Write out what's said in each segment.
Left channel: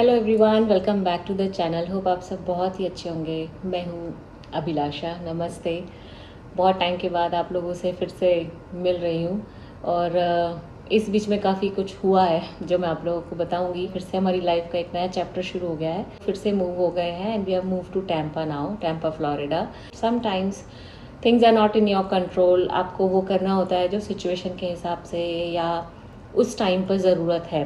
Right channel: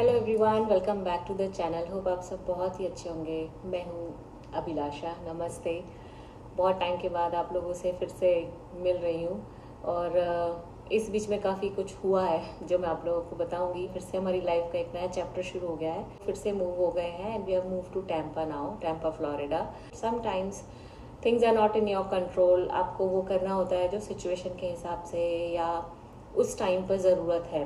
Hello everyone, welcome back to the channel. Hope आप सब बहुत ही अच्छे होंगे। मैं हूँ अभिलाषा। नमस्ते। बहुत टाइम के बाद आप लोगों से फिर से मिल रही हूँ और इस बीच में काफ़ी कुछ हुआ है जो मैं आप लोगों को बताऊंगी। फिर से हमारी लाइफ का एक नया चैप्टर शुरू हो गया है। फिर से मूव हो गए हैं and we have move to Tampa now, Tampa Florida. Sometimes things are not in your control. आपको वो करना होता है जो सिचुएशन के हिसाब से या उस टाइम पर ज़रूरत है।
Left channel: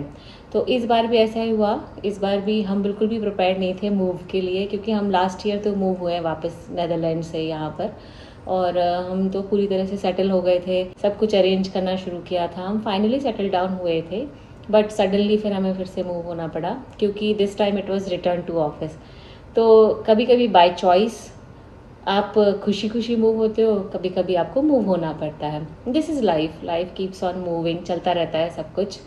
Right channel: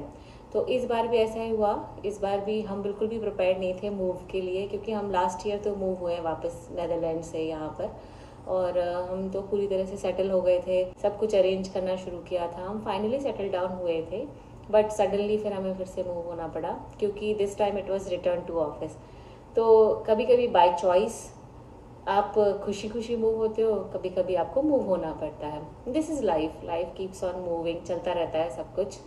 तो इस बार भी ऐसा ही हुआ। इस बार भी हम बिल्कुल भी प्रिपेयर्ड नहीं थे मूव के लिए, क्योंकि हम लास्ट ईयर तो मूव हुए हैं वापस नेदरलैंड से यहाँ पर। और हम तो पूरी तरह से सेटल हो गए थे, सब कुछ अरेंज करना शुरू किया था, हम फाइनली सेटल डाउन हुए थे। बट सडनली फिर हमें फिर से मूव होना पड़ा, क्योंकि this time it was return to office. तो कभी कभी बाय चॉइस आप खुशी खुशी मूव होते हो, कभी कभी आपको मूव होना पड़ता है। This is life, life keeps on moving, चलता रहता है सब कुछ।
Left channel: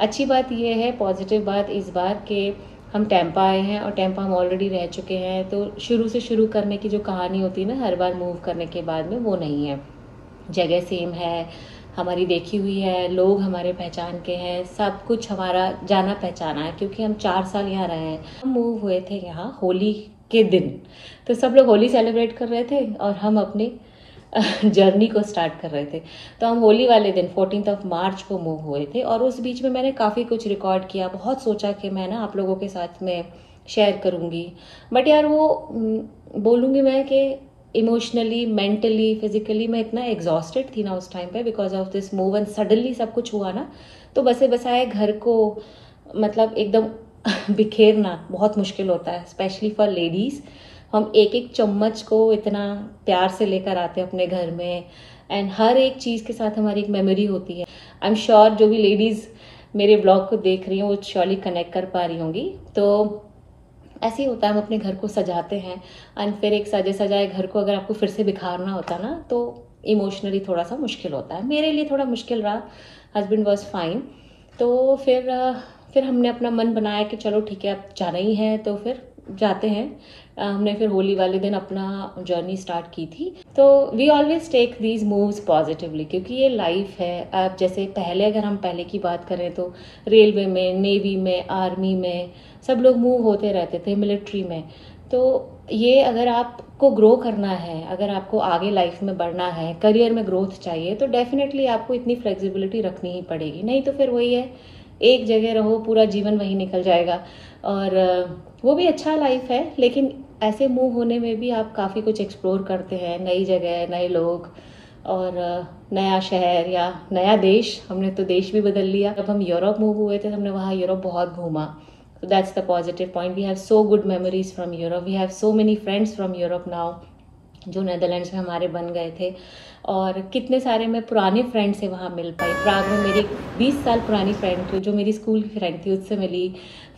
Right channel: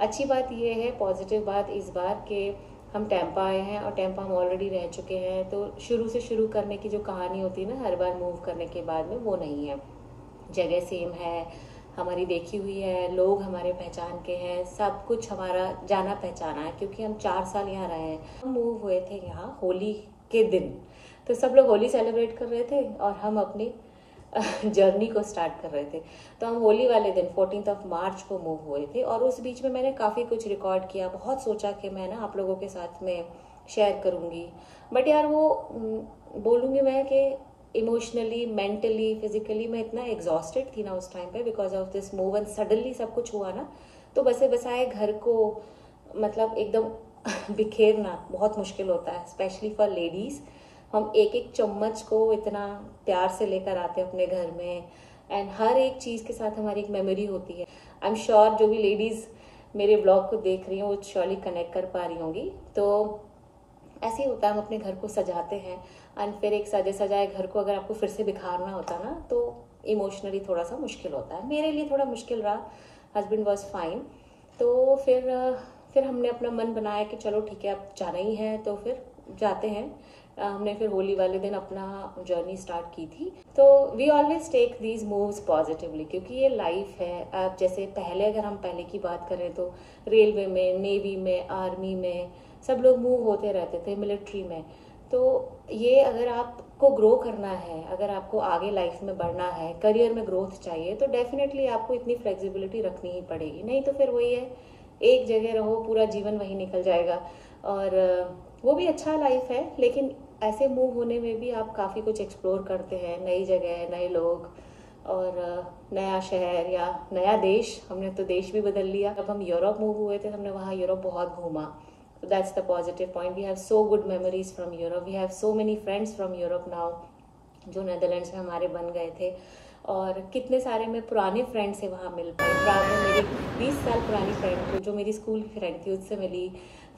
अच्छी बात यह है, पॉजिटिव बात इस बार कि हम टैम्पा आए हैं और टैम्पा हम ऑलरेडी रह चुके हैं। तो शुरू से शुरू करने की जो कहानी होती है ना हर बार मूव करने के बाद में, वो नहीं है। जगह सेम है, हमारी देखी हुई है, लोग हमारे पहचान के हैं, सब कुछ हमारा जाना पहचाना है, क्योंकि हम 4 साल यहाँ रहे हैं। हम मूव हुए थे यहाँ होली के दिन, तो सब लोग होली सेलिब्रेट कर रहे थे और हम अपनी जर्नी को स्टार्ट कर रहे थे। तो हम होली वाले दिन 14 मार्च को मूव हुए थे और उस बीच में मैंने काफ़ी कुछ रिकॉर्ड किया। बहुत सोचा कि मैं ना आप लोगों के साथ में शेयर करूँगी, बट यार वो बोलूँगी मैं कि इमोशनली, मेंटली, फिजिकली मैं इतना एग्जॉस्टेड थी ना उस टाइम पे because of this move and suddenly सब कुछ हुआ ना। तो बसे बसाए घर को मतलब एकदम बिखेरना बहुत मुश्किल होता है, स्पेशली फॉर लेडीज़। हम एक एक चम्मच को इतना प्यार से लेकर आते हैं अपने घर में, एंड हर एक चीज़ के साथ हमारी एक मेमोरी होती है। आई एम श्योर जो भी लेडीज़ मेरे ब्लॉग को देख रही हैं वो श्योरली कनेक्ट कर पा रही होंगी। तो ऐसे ही होता है, हम अपने घर को सजाते हैं एंड फिर एक सजे सजाए घर को अगर आपको फिर से बिखारना होता ना, तो इमोशनली थोड़ा सा मुश्किल होता है। मेरे लिए थोड़ा मुश्किल रहा। Husband was fine. तो फिर हमने अपना मन बनाया कि चलो ठीक है, अब जाना ही है तो फिर जाते हैं। हमने फिर होली वाले दिन अपना जर्नी स्टार्ट की थी। तो we always take these moves positively, क्योंकि ये लाइफ है। अब जैसे पहले अगर हम पहले की बात करें तो रेलवे में, नेवी में, आर्मी में सब लोग मूव होते रहते थे, मिलिट्री में। तो ये अगर आपको ग्रो करना है, अगर आपको आगे लाइफ में बढ़ना है, करियर में ग्रोथ चाहिए, तो डेफिनेटली आपको इतनी फ्लेक्सिबिलिटी रखनी ही पड़ेगी। नहीं तो फिर वही है, एक जगह रहो पूरा जीवन वही निकल जाएगा। और वो भी अच्छा लाइफ है, लेकिन ऐसे मूव होने में भी आप काफ़ी कुछ एक्सप्लोर करते हैं, नई जगह, नए लोग और नया शहर या नया देश। हमने तो देश भी बदल लिया। जब हम यूरोप मूव हुए थे हमने वहाँ यूरोप बहुत घूमा। So that's the positive point. We have so good memories from Europe. We have so many friends from Europe now, जो नेदरलैंड्स में हमारे बन गए थे। और कितने सारे मैं पुराने फ्रेंड से वहाँ मिल पाई। प्राग में मेरी 20 साल पुरानी फ्रेंड थी जो मेरी स्कूल की फ्रेंड थी, उससे मिली।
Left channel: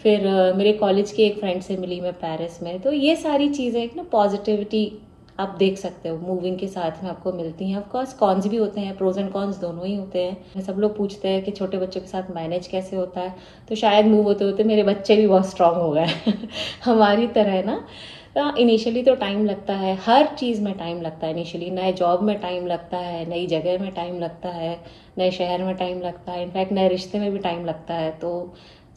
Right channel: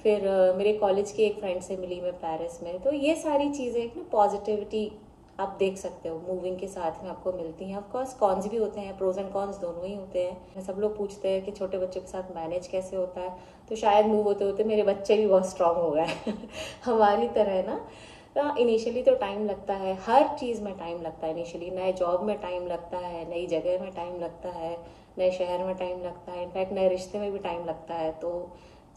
फिर मेरे कॉलेज के एक फ्रेंड से मिली मैं पेरिस में। तो ये सारी चीज़ें एक ना पॉजिटिविटी आप देख सकते हो मूविंग के साथ में आपको मिलती हैं। ऑफकोर्स कॉन्स भी होते हैं, प्रोज एंड कॉन्स दोनों ही होते हैं। सब लोग पूछते हैं कि छोटे बच्चों के साथ मैनेज कैसे होता है, तो शायद मूव होते होते मेरे बच्चे भी बहुत स्ट्रांग हो गए हमारी तरह ना। इनिशियली तो टाइम लगता है, हर चीज़ में टाइम लगता है। इनिशियली नए जॉब में टाइम लगता है, नई जगह में टाइम लगता है, नए शहर में टाइम लगता है, इनफैक्ट नए रिश्ते में भी टाइम लगता है। तो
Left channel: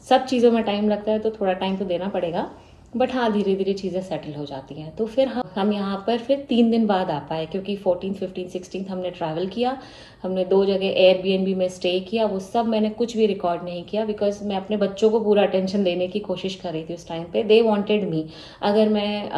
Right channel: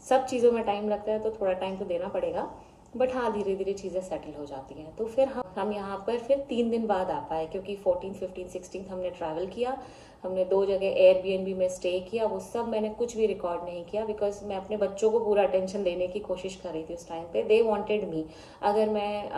सब चीज़ों में टाइम लगता है, तो थोड़ा टाइम तो देना पड़ेगा। बट हाँ, धीरे धीरे चीज़ें सेटल हो जाती हैं। तो फिर हम यहाँ पर फिर 3 दिन बाद आ पाए, क्योंकि 14, 15, 16 हमने ट्रैवल किया। हमने 2 जगह एयरबीएनबी में स्टे किया। वो सब मैंने कुछ भी रिकॉर्ड नहीं किया, बिकॉज मैं अपने बच्चों को पूरा अटेंशन देने की कोशिश कर रही थी उस टाइम पे। They wanted me. अगर मैं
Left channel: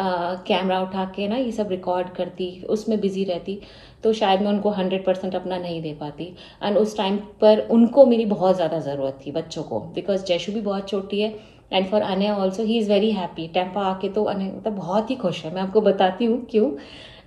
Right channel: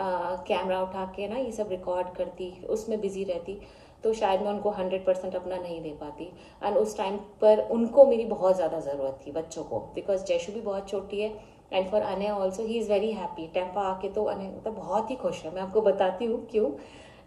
कैमरा उठा के ना ये सब रिकॉर्ड करती, उसमें बिजी रहती, तो शायद मैं उनको 100% अपना नहीं दे पाती। एंड उस टाइम पर उनको मेरी बहुत ज़्यादा ज़रूरत थी, बच्चों को, बिकॉज जैशु भी बहुत छोटी है and for Anay also he is very happy. Tampa आके तो अनय मतलब बहुत ही खुश है, मैं आपको बताती हूँ क्यों।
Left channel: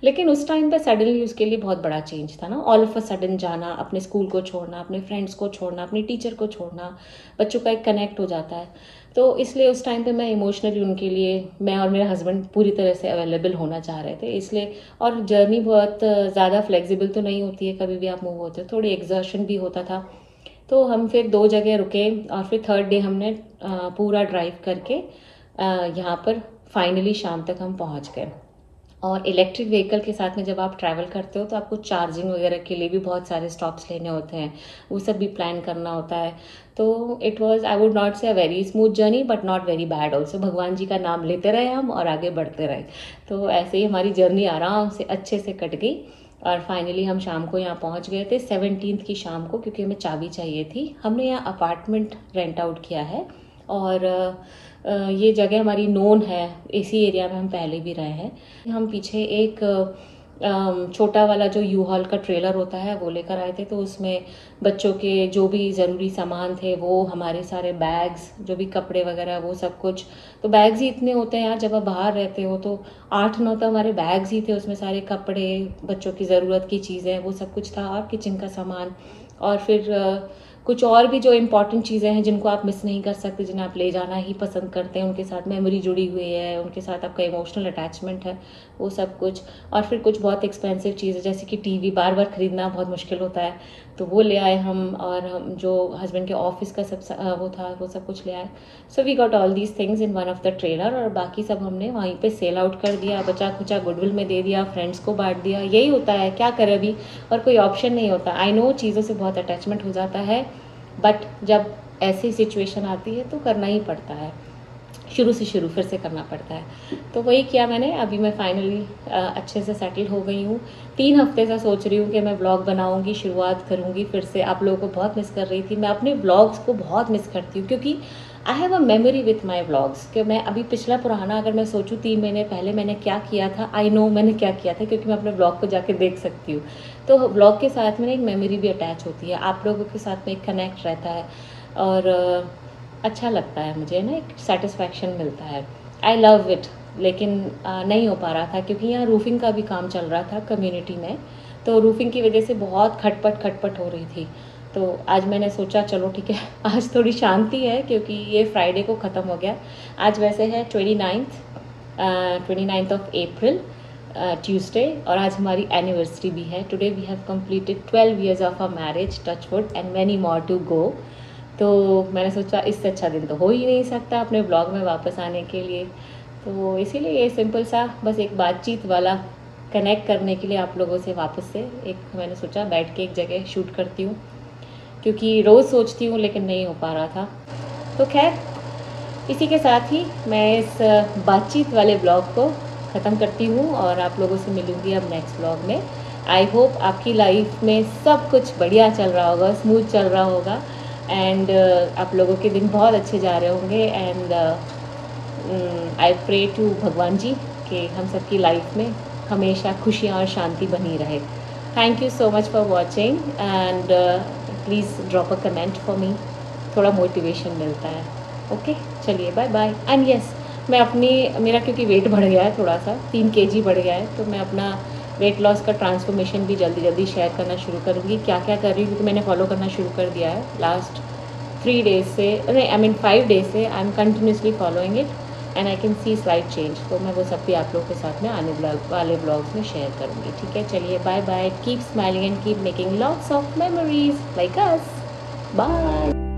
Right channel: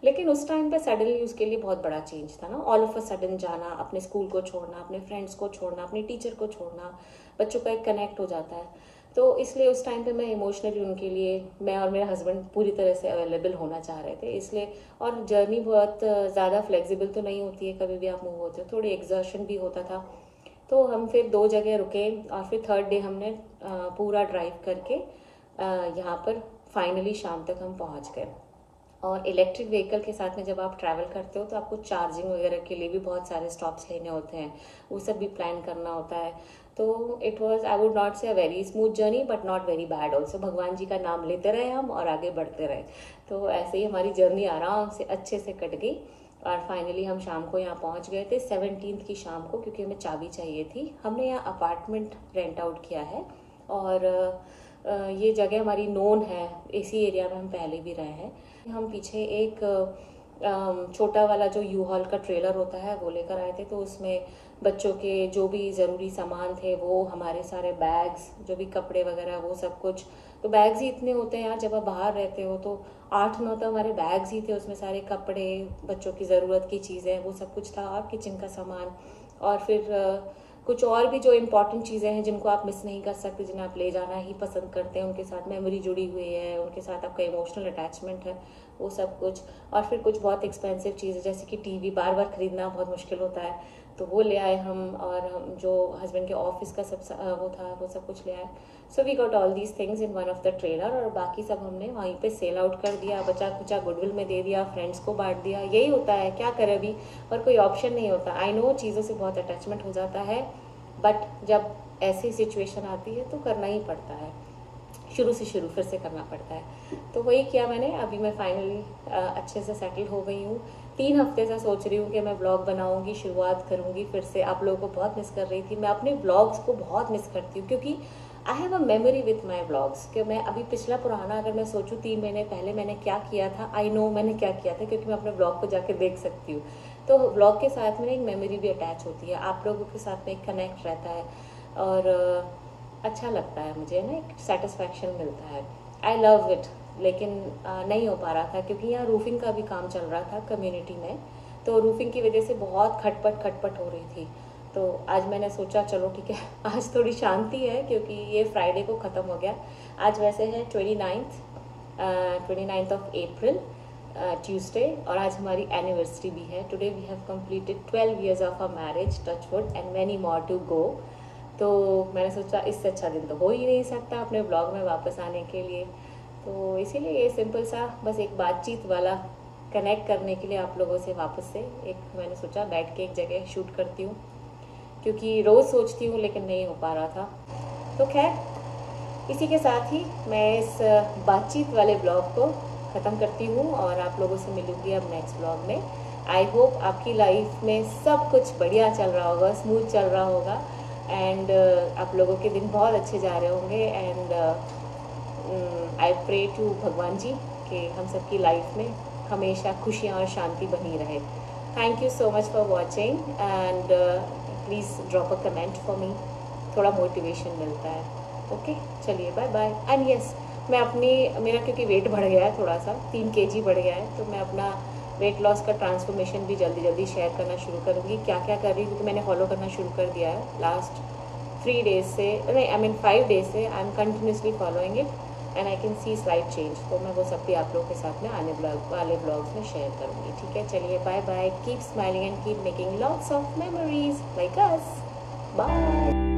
लेकिन उस टाइम पे सडनली उसके लिए बहुत बड़ा चेंज था ना, ऑल ऑफ अ सडन जाना, अपने स्कूल को छोड़ना, अपने फ्रेंड्स को छोड़ना, अपनी टीचर को छोड़ना, बच्चों का एक कनेक्ट हो जाता है। तो इसलिए उस टाइम पे मैं इमोशनली उनके लिए, मैं और मेरा हस्बैंड पूरी तरह से अवेलेबल होना चाह रहे थे, इसलिए। और जर्नी बहुत ज़्यादा फ्लेक्सिबल तो नहीं होती है, कभी भी आप मूव होते हो, थोड़ी एग्जर्शन भी होता था। तो हम फिर 2 जगह रुके और फिर थर्ड डे हमने पूरा ड्राइव करके यहाँ पर फाइनली शाम तक हम पहुँच गए। और इलेक्ट्रिक व्हीकल के साथ में जब आप ट्रैवल करते हो तो आपको चार्जिंग वगैरह के लिए भी बहुत सारे स्टॉप्स लेने होते हैं, वो सब भी प्लान करना होता है। तो it was, I would not say a very smooth journey but not very bad also. भगवान जी का नाम लेते रहे हम और आगे बढ़ते रहे, तो ऐसे ही हमारी जर्नी आराम से अच्छे से कट गई। और फाइनली हम शाम को यहाँ पहुँच गए थे 17th की शाम को, क्योंकि हमें चाबी चाहिए थी। हमने यहाँ अपार्टमेंट रेंट आउट किया है और ये जगह हमारी नोन है, इसी एरिया में हम पहले भी रहे हैं। हम पीछे एक छोटा वाला जो यू हॉल का ट्रेलर होता है वो लेकर आए थे, तो उसमें बच्चों के जो भी ज़रूरी सामान थे, वो हमारे सारे बैग्स, जो भी कपड़े वगैरह, वो सब कुछ। तो बैग्स ही इतने होते हैं यार, जब आप बाहर रहते हो तो 8-9 तो हमारे बैग्स ही थे, उसमें सारे कपड़े, बच्चों की ज़रूरत की चीज़ें, वो सब कुछ था, और किचन का सामान। और फिर कुछ और भी जो इम्पॉर्टेंट चीज़ें हैं जिनको आप मिस नहीं कर सकते, जिन्हें आप ले जाना ही पसंद करते हैं, उनके साथ मेमोरी जुड़ी हुई है, उनके साथ आपका इमोशनल अटैचमेंट है, वो सब कुछ। और फिर कुछ बहुत एक्सपेंसिव चीज़ें जैसे कि टीवी बार बार ख़रीदना बहुत मुश्किल होता है, तो वो ले आए हम। और हम जो हस्बैंड के ऑफिस का सब वो था, वो सब कुछ ले आए। So we got all these things in one of the trailer, और बाकी सब हमने वहीं पे सेल आउट कर दिया, बचा खुचा गुडविल में दे दिया, फ्रेंड्स को बांट दिया। यही होता है, क्या करें अभी, और कोई ऑप्शन नहीं होता। आई नो चीज़ों से बहुत अटैचमेंट हो जाता है, बट जब ऐसी सिचुएशन आती है तो करना ही पड़ता है, शुरू से शुरू फिर से करना पड़ता है। तो वही किया मैंने। अभी मैं फाइनली अच्छे से सेटल हो गई हूँ। 3 हफ्ते से सोच रही हूँ कि मैं ब्लॉग बनाऊँगी, शुरुआत करूँगी फिर से। आप लोगों को बहुत मिस कर रही थी, मैं अपने ब्लॉग्स को बहुत मिस करती हूँ, क्योंकि I have a memory with my blogs. कि मैं अभी पिछला पुराना अगर मैं सोचूँ 3 महीने पहले मैंने क्या किया था, आई नो मैंने क्या किया था, क्योंकि मैं अपने ब्लॉग को जाके देख सकती हूँ। तो ब्लॉग के साथ में एक मेमोरी भी अटैच होती है, आप लोगों के साथ में एक कनेक्ट रहता है, और अच्छा लगता है मुझे ना, एक सेटिस्फैक्शन मिलता है। I love it. लेकिन नहीं हो पा रहा था, क्योंकि यहाँ रूफिंग का भी काम चल रहा था कम्युनिटी में, तो रूफिंग की वजह से बहुत खटपट हो रही थी। तो आज मैंने सोचा चलो ठीक है, आज थोड़ी शांति है, क्योंकि ये फ्राइडे को ख़त्म हो गया। आज वैसे है 29th ऑफ अप्रैल, ट्यूसडे, और आज हमारी एनिवर्सरी भी है। Today we have completed 12 years of our marriage, touch wood, and many more to go. तो मैंने सोचा इससे अच्छा दिन तो हो ही नहीं सकता अपने ब्लॉग में वापस आने के लिए। तो इसीलिए ये सिंपल सा बस एक बातचीत वाला, कनेक्ट करने के लिए आप लोगों से वापस से एक मैंने सोचा बैठ के एक जगह शूट करती हूँ, क्योंकि रोज़ सोचती हूँ लेकिन नहीं हो पा रहा था। तो खैर, इसी के साथ ही मैं इस बातचीत वाले ब्लॉग को ख़त्म करती हूँ, और आप लोगों से मिलूँगी अब नेक्स्ट ब्लॉग में। आई होप आपकी लाइफ में सब कुछ बढ़िया चल रहा होगा, स्मूथ चल रहा होगा, एंड आप लोगों के दिन बहुत अच्छे जा रहे होंगे। एंड आई प्रे टू भगवान जी कि हम सबकी लाइफ में हमेशा खुशियाँ और शांति बनी रहे। Thank you so much for watching, and please drop a comment for me, थोड़ा मोटिवेशन मिलता है। ओके, चलिए बाय बाय। एंड यस, मैं मेरा क्योंकि वेट बढ़ गया है, थोड़ा सा 3 kg बढ़ गया है, तो मैं अपना वेट लॉस का ट्रांसफॉर्मेशन भी जल्दी जल्दी शेयर करना शुरू करूँगी। क्या क्या कर रही हूँ, क्योंकि मैंने फॉलो करना शुरू कर दिया है लास्ट 3 days से, नहीं आई मीन 5 days से। I am continuously following it, and I can see slight change. तो मैं वो सब भी आप लोगों के साथ में आने वाले ब्लॉग्स में शेयर करूँगी। ठीक है, चलिए bye bye. Keep smiling and keep making lots of memories like us. Bye.